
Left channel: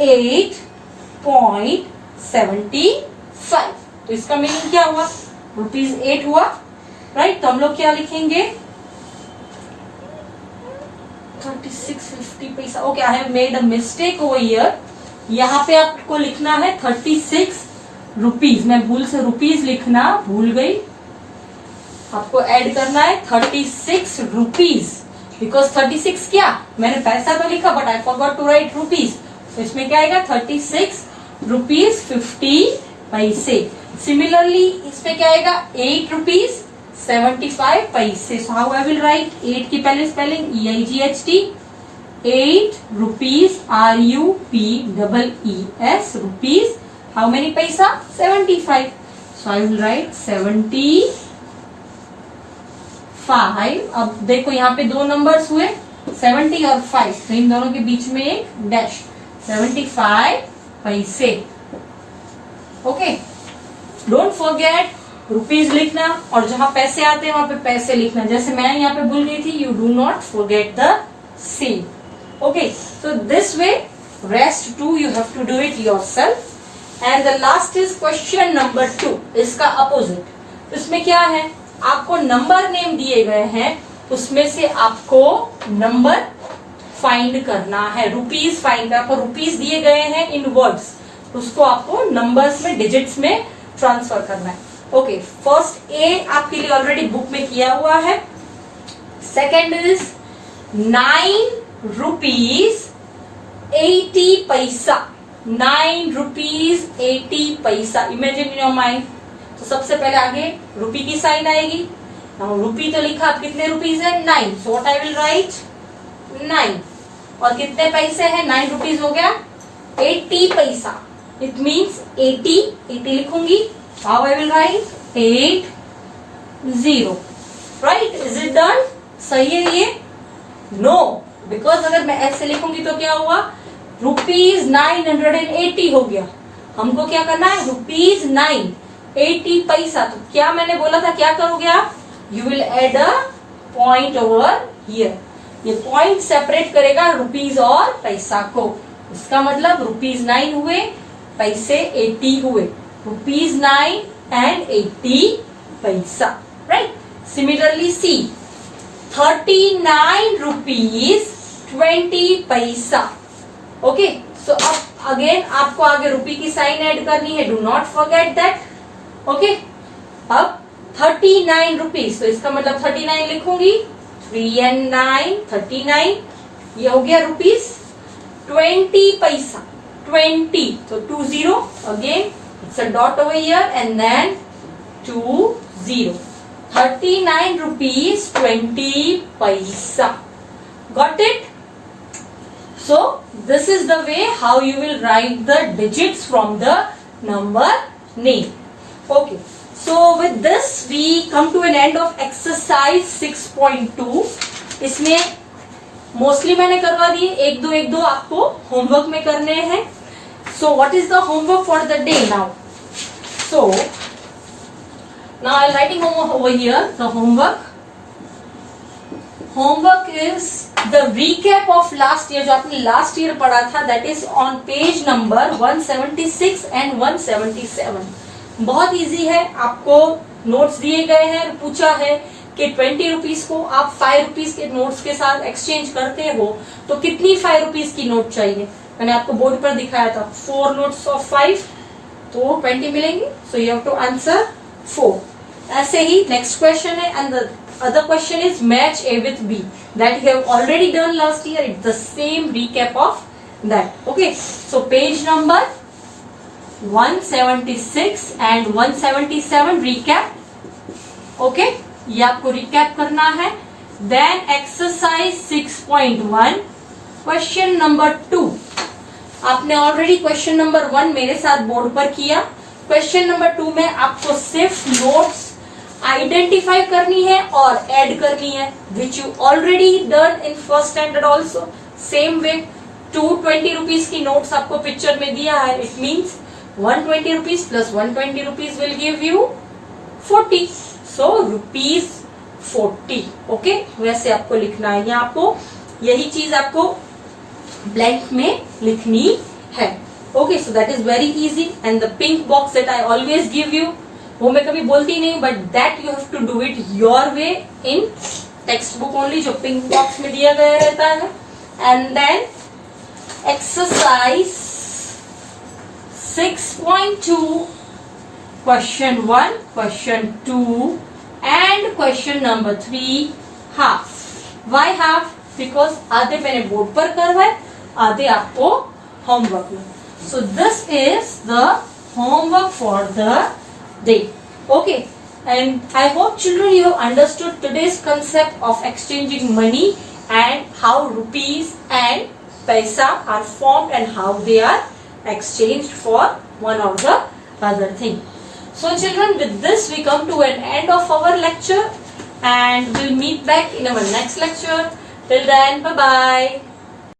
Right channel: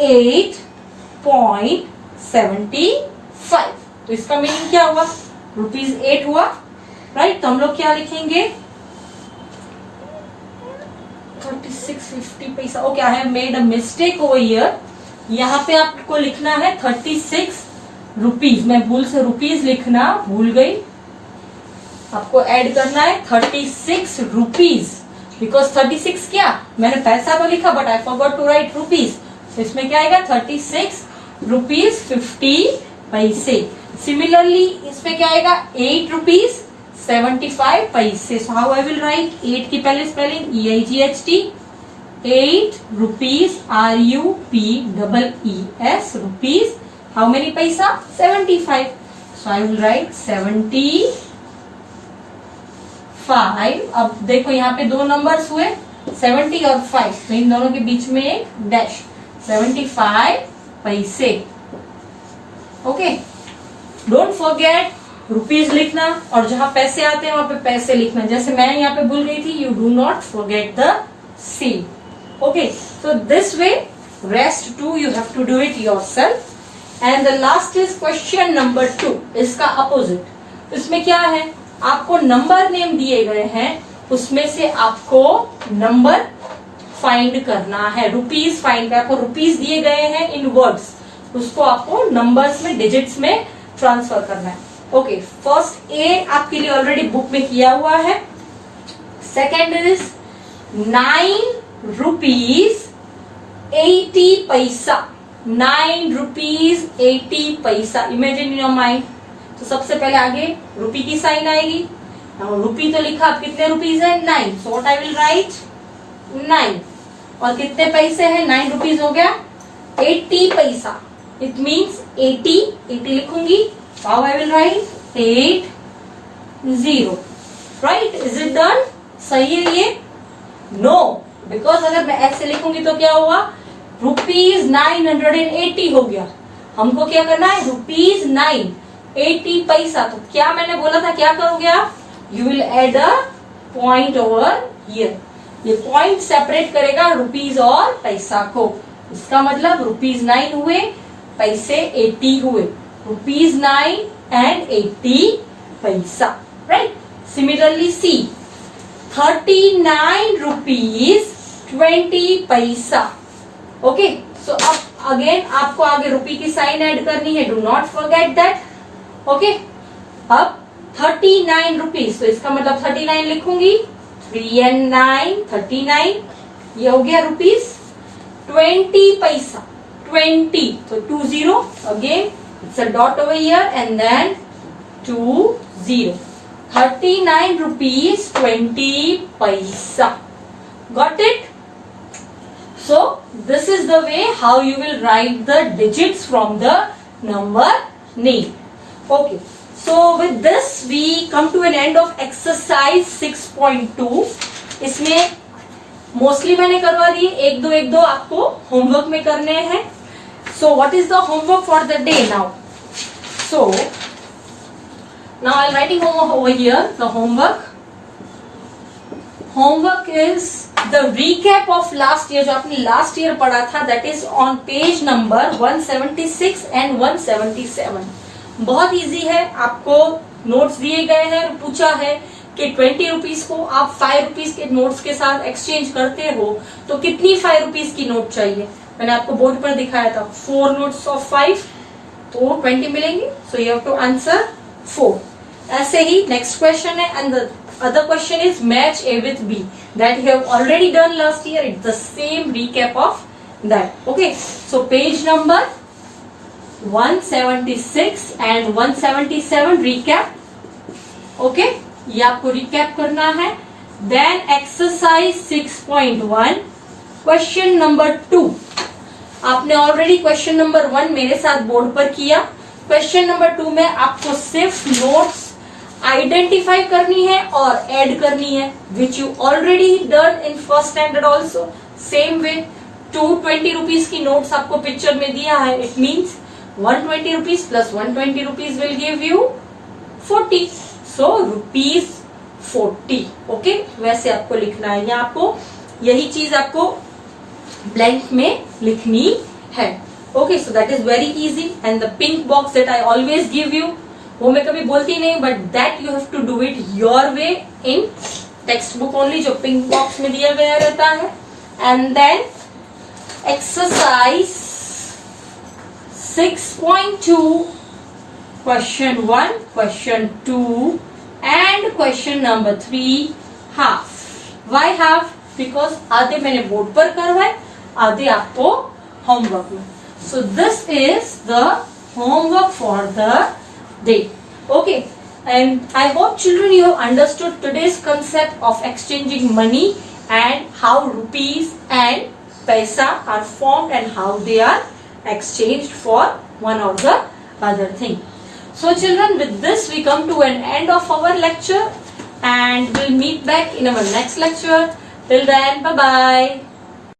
8.75। तो इसका मीनिंग क्या हुआ, रुपीज 8 हुआ, राइट। तो हम लोग क्या लिखेंगे, 3650 पैसा। Okay, I have made a mistake over here, यहाँ पे आपको लिखना है 36 रुपीज, मैं भूल से रुपीज लिखना भूल गई, आपको ऐड करना है 36 रुपीज, बिकॉज 36 क्या, मैंने पैसा तो लिखा but I forgot to write rupees, तो इसमें क्या आएगा 36 रुपीज 50 पैसे। सिमिलरली इसमें क्या आएगा 8 रुपीज 75 पैसे। So how I will write 8 की पहले spelling EIGHT, 8 rupees RUPEES rupees. How many paisa? 75. So I will write 75. अब देखो यहाँ पे दो नंबर्स हुए 70 और 5, तो इन दोनों के बीच में एक डैश, 75 पैसे। ओके, डोंट फॉरगेट रुपीज लिखना और जहां पैसे आते हैं वहां पे पैसे लिखना। जैसे मैं यहाँ पे भूल गई थी, you do not forget the same. Okay, so this way, rest 2 you have to do it yourself. And the last is question number 2. इसका opposite. इसमें क्या है, आपको नंबर नेम दिए गए हैं, उसमें से आपको नंबर फाइंड करना है, रुपीज फाइंड करना। आपको रुपीज दिए गए हैं इन वर्ड्स, उसको आपको नंबर्स में, डिजिट्स में ट्रांसफर करना है। ओके, फर्स्ट ए आपके लिए ऑलरेडी बुक में किया हुआ है। सेकेंड इज 9 rupees 80 पैसा, 9 rupees 80 पैसा। Imagine in your mind. तो सबसे पहले आगे रुपी की साइन आएगी। नाउ रुपी तो लिखा, अब कितने रुपीज है 9, so what I will write 9। और कितने पैसे हैं 9 रुपीज हो गया 80 पैसा, इट मीन्स 80 लिखूंगी। How I will write 80, right? Is it done? सही है ये? नो, बिकॉज अगर मैं ऐसे लिखूंगी तो क्या हुआ, रुपीज 980 हो गया। हमको क्या करना है, रुपीज 980 पैसा। तो क्या मैंने बोला था, क्या करोगे आप, you will add a point over here. ये पॉइंट सेपरेट करेगा रुपीज और पैसा को। इसका मतलब रुपीज 9 हुए, पैसे 80 हुए, रुपीज 9 and 80 पैसा, राइट? सिमिलरली सी 39 rupees 20 पैसा। ओके, सो अब अगेन आपको आगे रुपी की साइन ऐड करनी है, do not forget that. Okay, अब 39 रुपीज, तो इसका मतलब 39 लिखूंगी, 3 and 9 39, ये हो गया रुपीज। 20 पैसा 20, तो 20 again, it's a dot over here and then 20, 39 rupees 20 paisa. Got it? So this is the way how you will write the digits from the number name. Okay, so with this we come to an end of exercise 6.2. इसमें mostly मैंने करवा दिए, एक दो आपको homework में करने हैं। So what is the homework for the day now? So now I'm writing homework over here. The homework is the recap of last year, जो आपने last year पढ़ा था, that is on page number 176 and 177. बहुत easy है, आपको notes दिए गए हैं, पूछा है कि 20 रुपीज को आप 5 रुपीज के नोट्स के साथ एक्सचेंज करते हो तो कितनी 5 रुपीज की नोट चाहिए। मैंने आपको बोर्ड पर दिखाया था 4 नोट्स ऑफ 5, तो 20 मिलेंगे। So you have to answer 4। ऐसे ही नेक्स्ट क्वेश्चन है, and the other question is match A with B, that you have already done last year. It's the same recap of that. Okay, so page number 176 and 177 recap. Okay, ये आपको recap करना है। Then exercise 6.1 question number 2. आपने already question number 1 मेरे साथ board पर किया। Question number 2 में आपको सिर्फ नोट्स आइडेंटिफाई करनी है और ऐड करनी है, which you already done in first standard also. Same way 220 rupees की नोट्स आपको पिक्चर में दिया है, it means 120 rupees plus 120 rupees will give you 40, so rupees 40। Okay, वैसे आपको लिखना है, या आपको यही चीज आपको ब्लैंक में लिखनी है। Okay, so that is very easy. And the pink box that I always give you, वो मैं कभी बोलती नहीं, but that you have to do it your way in textbook only, जो पिंक बॉक्स में दिया गया रहता है। And then exercise 6.2 question 1, question 2 and question number 3 half. Why half? Because आधे मैंने बोर्ड पर करवाए, आधे आपको homework. So this is the homework for the day. Okay, and I hope children you have understood today's concept of exchanging money and how rupees and paisa are formed and how they are exchanged for one or the other thing. So children, with this we come to an end of our lecture and we'll meet back in our next lecture. Till then, bye bye.